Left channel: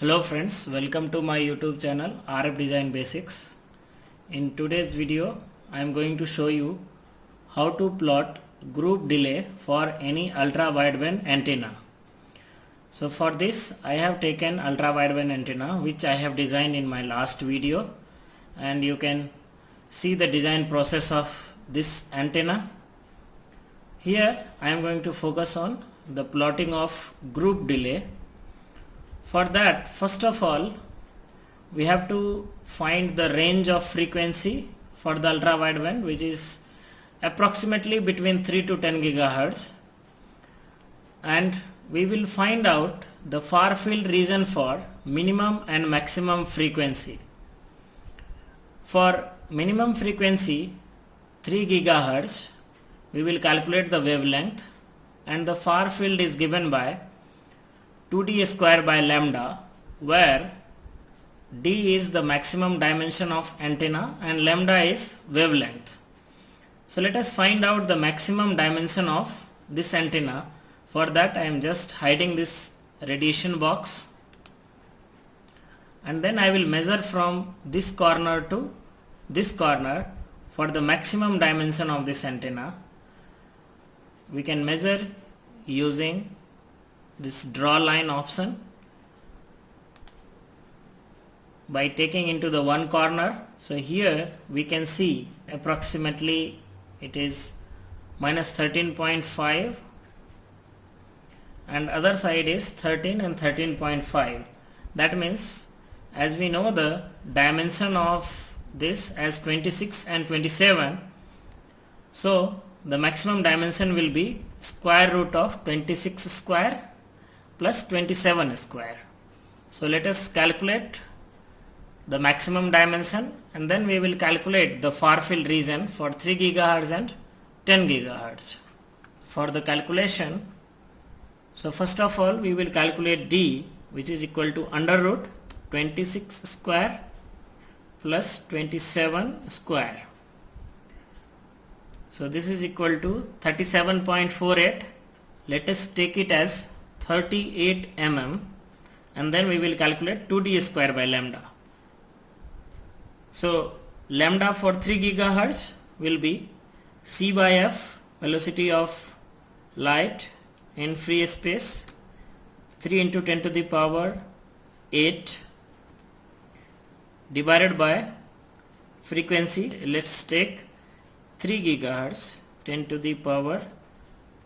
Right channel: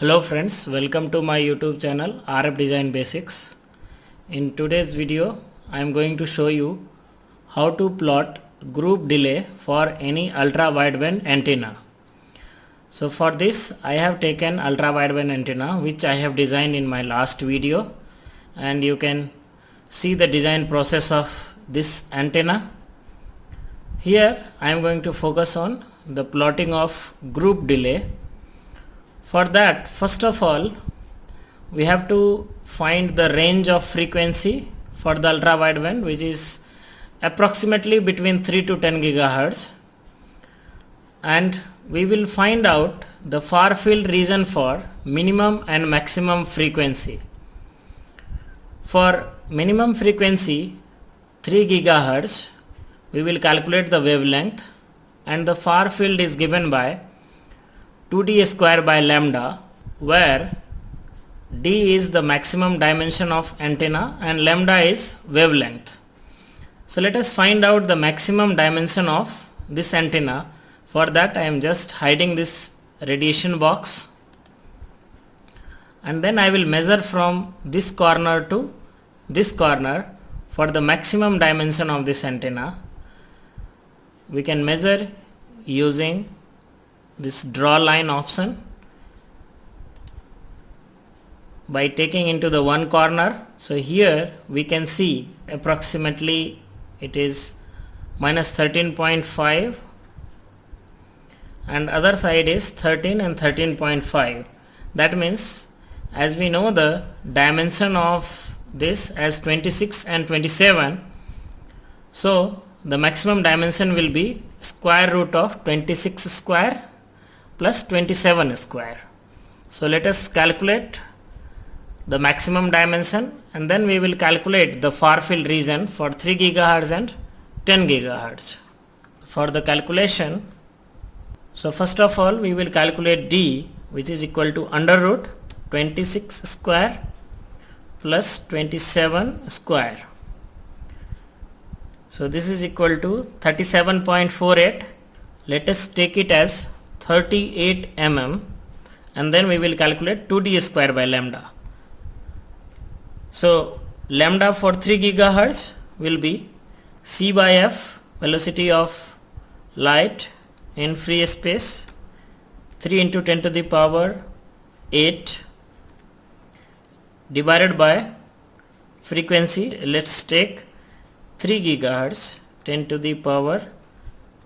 Hello friends, welcome to my YouTube channel RF Design Basics. In today's video, I am going to show you how to plot group delay for any ultra wideband antenna. So for this, I have taken ultra wideband antenna which I have designed in my last video, and you can see the design process of this antenna. Here I am going to focus on the plotting of group delay. For that, first of all, we have to find the range of frequency for the ultra wideband, which is approximately between 3 to 10 gigahertz, and we will find out the far field region for minimum and maximum frequency. For minimum frequency 3 gigahertz, we will calculate the wavelength, and the far field is given by 2d square by lambda, where d is the maximum dimension of antenna and lambda is wavelength. So let us find out the maximum dimension of this antenna. For that, I am just hiding this radiation box, and then I will measure from this corner to this corner for the maximum dimension of this antenna. We can measure using this draw line option by taking into the one corner. So here we can see approximately it is minus 13.5, and other side is 13 and 13.5. That means, as we know the dimension of this as 26 and 27, so the maximum dimension will be square root of 26 square plus 27 square. So let us calculate the maximum dimension, and then we will calculate the far field region for 3 gigahertz and 10 gigahertz. For the calculation, so first of all we will calculate D, which is equal to under root 26 square plus 27 square. So this is equal to 37.48. Let us take it as 38 mm, and then we will calculate 2d square by lambda. So lambda for 3 gigahertz will be c by f, velocity of light in free space, 3 into 10 to the power 8 divided by frequency. Let's take 3 gigahertz, 10 to the power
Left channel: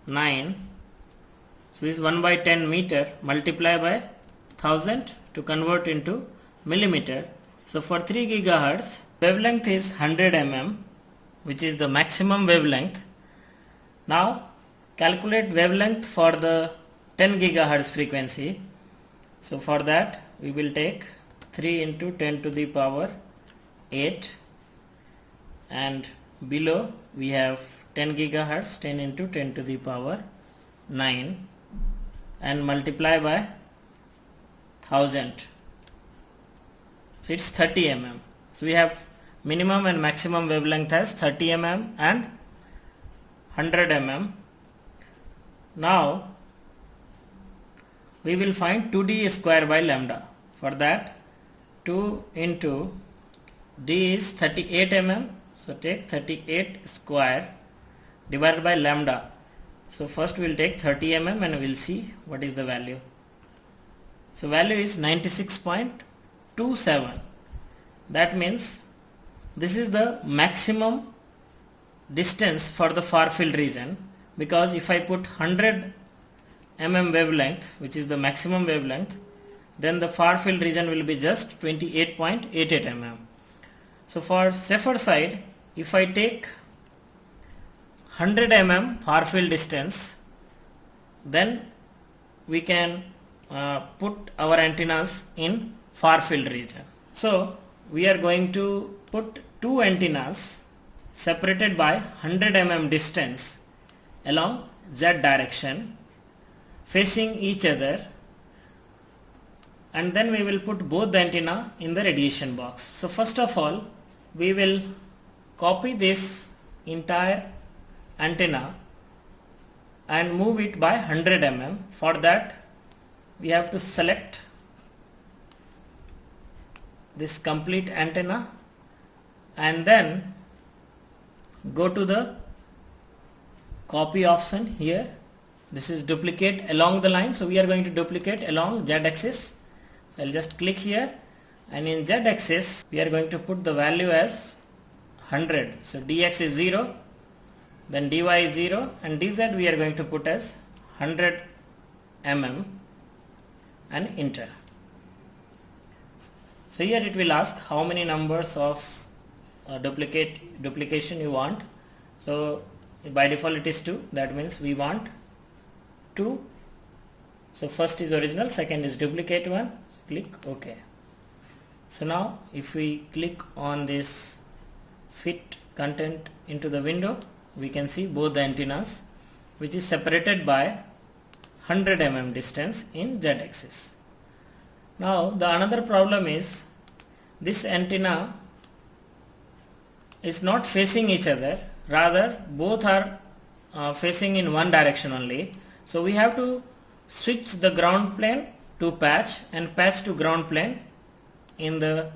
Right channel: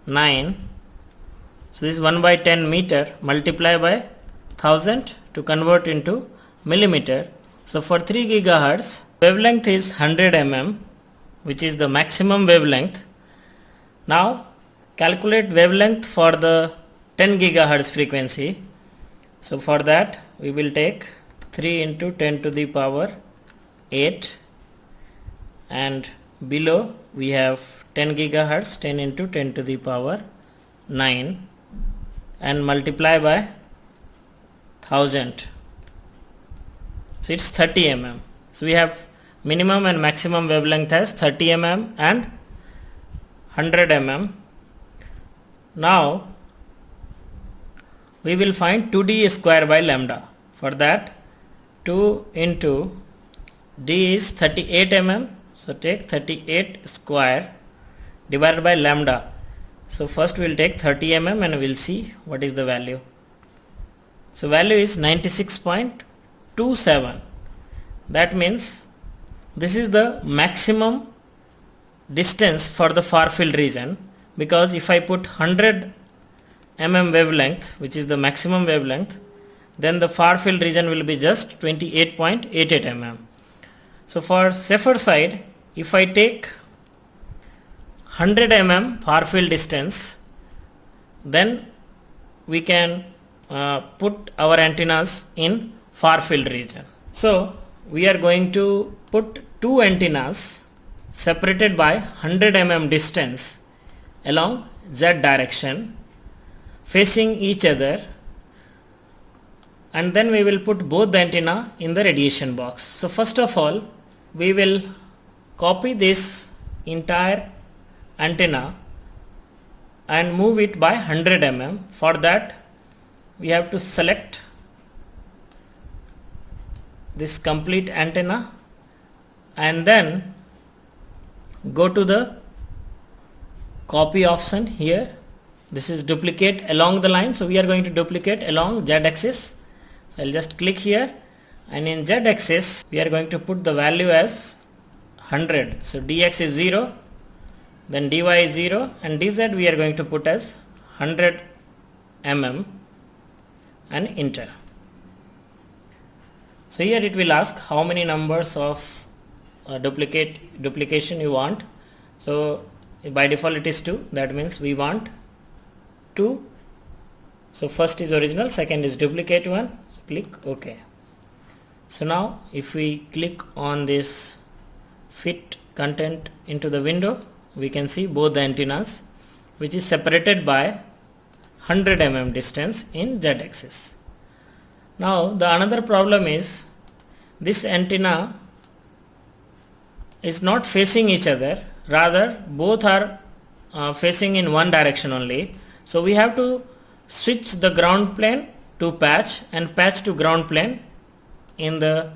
9. So this is 1 by 10 meter, multiply by 1000 to convert into millimeter. So for 3 gigahertz, wavelength is 100 mm, which is the maximum wavelength. Now calculate wavelength for the 10 gigahertz frequency. So for that we will take 3 into 10 to the power 8, and below we have 10 gigahertz, 10 into 10 to the power 9, and multiply by 1000. So it's 30 mm. So we have minimum and maximum wavelength as 30 mm and 100 mm. Now we will find 2d square by lambda. For that, 2 into d is 38 mm. So take 38 square divided by lambda. So first we will take 30 mm and we will see what is the value. So value is 96.27. That means this is the maximum distance for the far field region, because if I put 100 mm wavelength, which is the maximum wavelength, then the far field region will be just 28.88 mm. So for safer side, if I take 100 mm far field distance, then we can put our antennas in far field region. So we are going to put two antennas separated by 100 mm distance along z direction, facing each other, and then we will put both the antenna in the radiation box. So first of all we will copy this entire antenna and move it by 100 mm. For that we have to select this complete antenna and then go to the copy option here. This is duplicate along the line, so we are going to duplicate along Z axis. So I'll just click here, and in Z axis we are going to put the value as 100. So dx is 0, then dy is 0, and dz we are going to put as 100 mm and enter. So here it will ask how many numbers of duplication you want. So by default it is 2, that means we want 2. So first is original, second is duplicate one. So click OK. So now if we click on this fit content into the window, we can see both the antennas, which is separated by 100 mm distance in Z axis. Now the another problem is this antenna is not facing each other, rather both are facing in one direction only. So we have to switch the ground plane to patch and patch to ground plane in the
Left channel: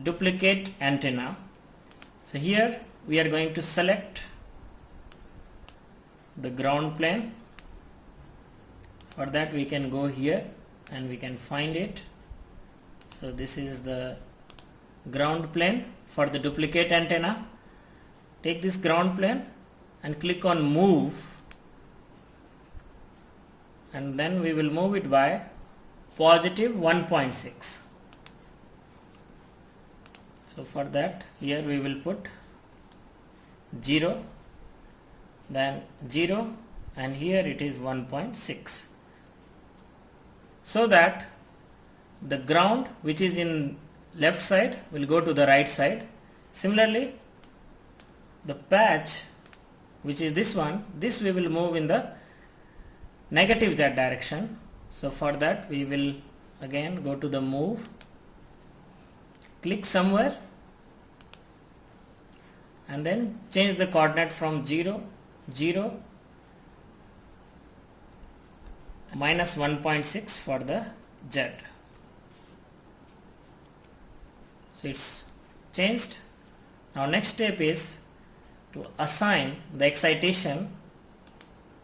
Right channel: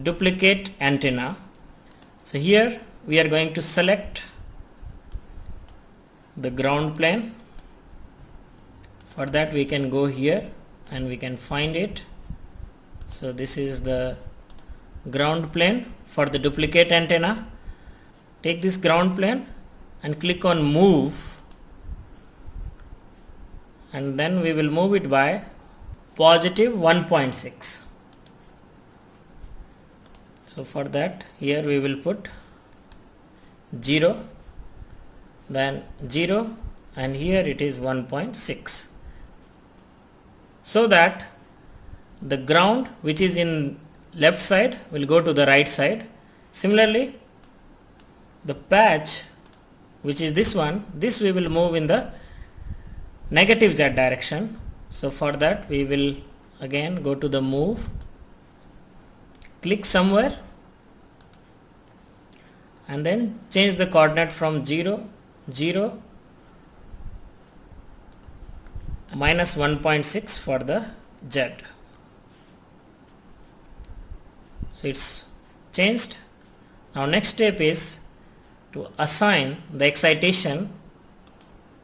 duplicate antenna. So here we are going to select the ground plane. For that we can go here and we can find it. So this is the ground plane for the duplicate antenna. Take this ground plane and click on move, and then we will move it by positive 1.6. So for that here we will put 0, then 0, and here it is 1.6, so that the ground which is in left side will go to the right side. Similarly, the patch which is this one, this we will move in the negative Z direction. So for that we will again go to the move, click somewhere, and then change the coordinate from 0, 0, minus 1.6 for the Z. So it's changed. Now next step is to assign the excitation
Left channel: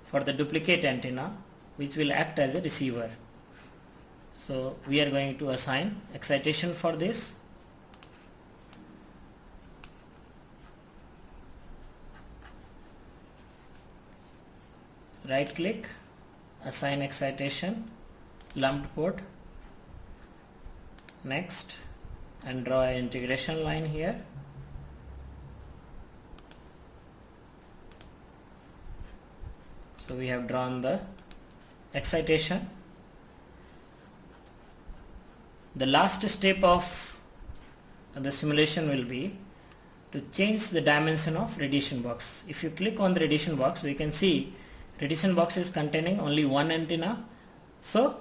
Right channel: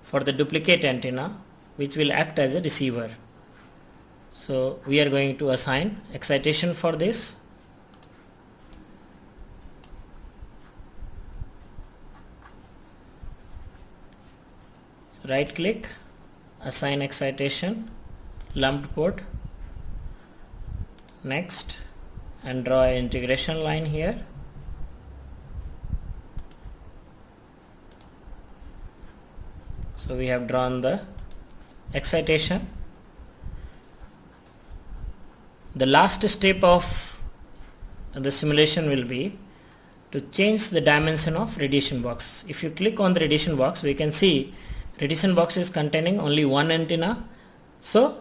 for the duplicate antenna, which will act as a receiver. So we are going to assign excitation for this. So right click, assign excitation, lumped port, next, and draw an integration line here. So we have drawn the excitation. The last step of the simulation will be to change the dimension of radiation box. If you click on the radiation box, we can see radiation box is containing only one antenna. So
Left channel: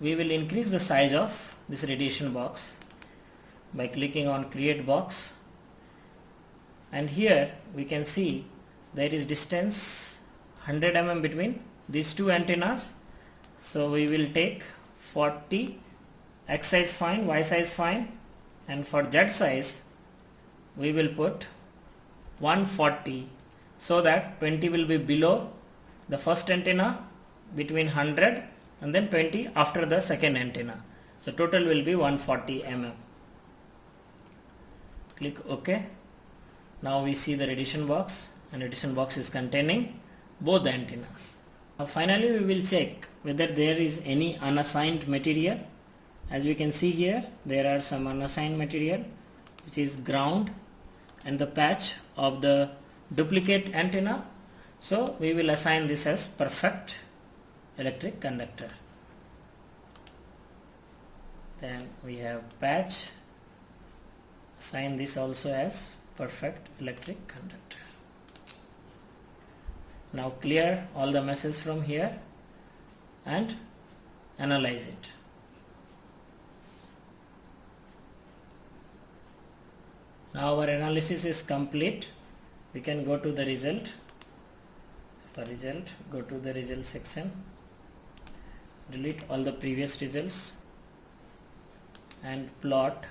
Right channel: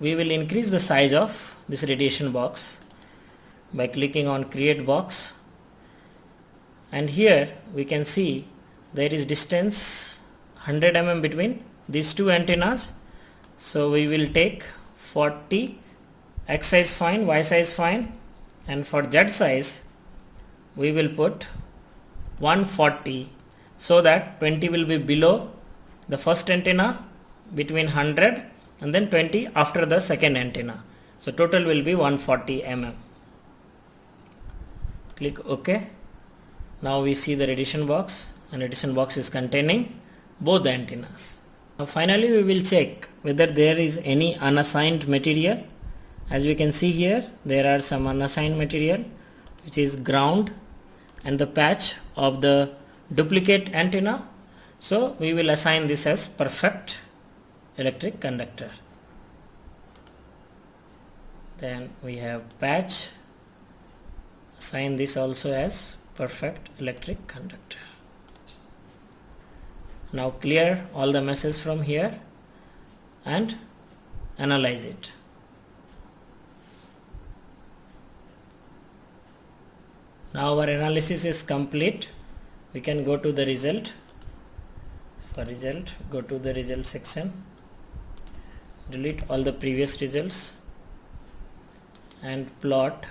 we will increase the size of this radiation box by clicking on create box, and here we can see there is distance 100 mm between these two antennas. So we will take 40, X size fine, Y size fine, and for Z size we will put 140, so that 20 will be below the first antenna, between 100 and then 20 after the second antenna. So total will be 140 mm. Click OK. Now we see the radiation box, and radiation box is containing both the antennas. Now finally we will check whether there is any unassigned material. As we can see here, there are some unassigned material, which is ground and the patch of the duplicate antenna. So we will assign this as perfect electric conductor. Then we have patch, assign this also as perfect electric conductor. Now clear all the meshes from here and analyze it. Now our analysis is complete. We can go to the result. For result, go to the result section, delete all the previous results, and plot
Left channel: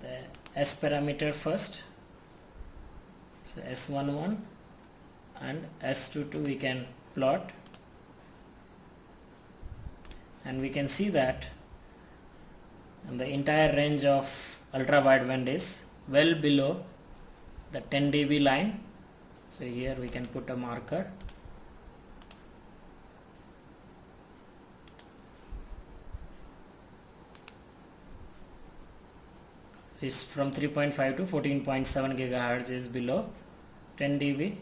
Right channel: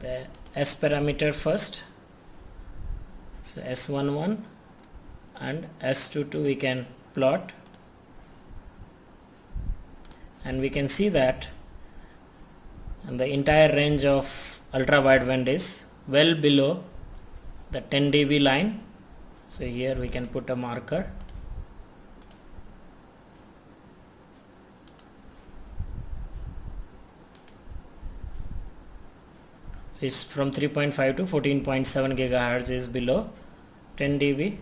the S parameter first. So S11 and S22 we can plot, and we can see that the entire range of ultra wideband is well below the 10 dB line. So here we can put a marker. So it's from 3.5 to 14.7 gigahertz is below 10 dB.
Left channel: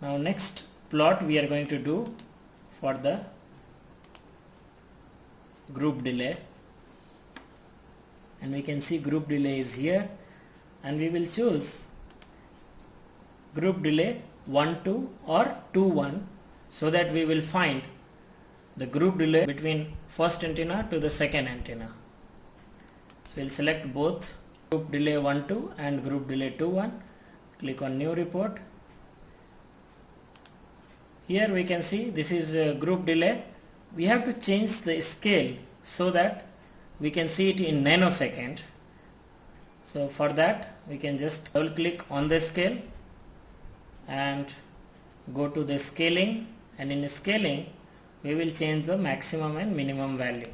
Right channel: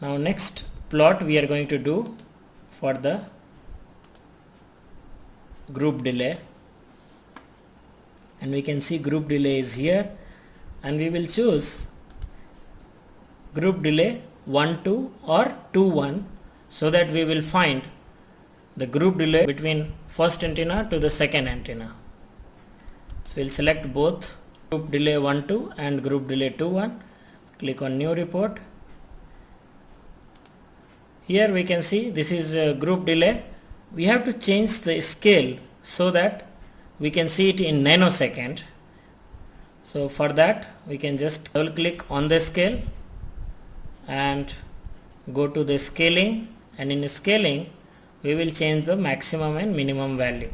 Now next plot we are going to do for the group delay, and we can see group delay is here, and we will choose group delay 1-2 or 2-1, so that we will find the group delay between first antenna to the second antenna. So we'll select both group delay 1-2 and group delay 2-1. Click on new report. Here we can see this is a group delay. We have to change the scale so that we can see it in nanosecond. So for that we can just double click on the scale and go to the scaling, and in scaling we will change the maximum and minimum value.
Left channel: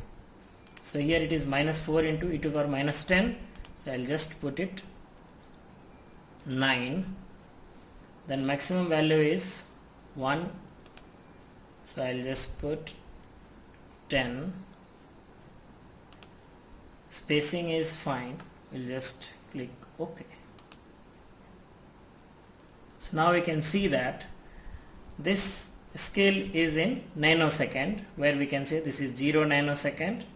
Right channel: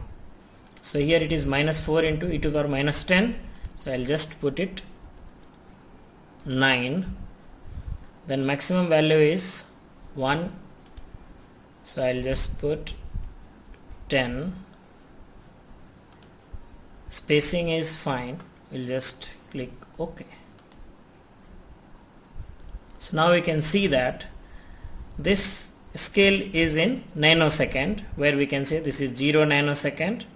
So here it is -4 into e to the power -10. So I'll just put it 9. Then maximum value is 1. So I'll just put 10. Spacing is fine. We'll just click OK. So now we can see that this scale is in nanosecond, where we can say this is 0 nanosecond,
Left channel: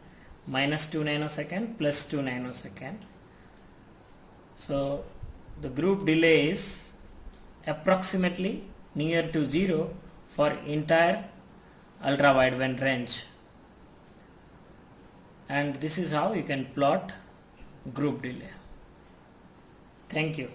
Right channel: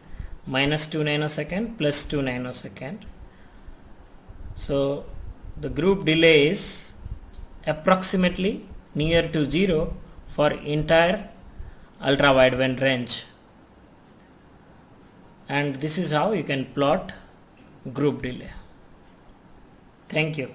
-2 nanosecond, +2 nanosecond. So the group delay is approximately near to 0 for entire ultra wideband range, and this is how you can plot group delay. Thank you.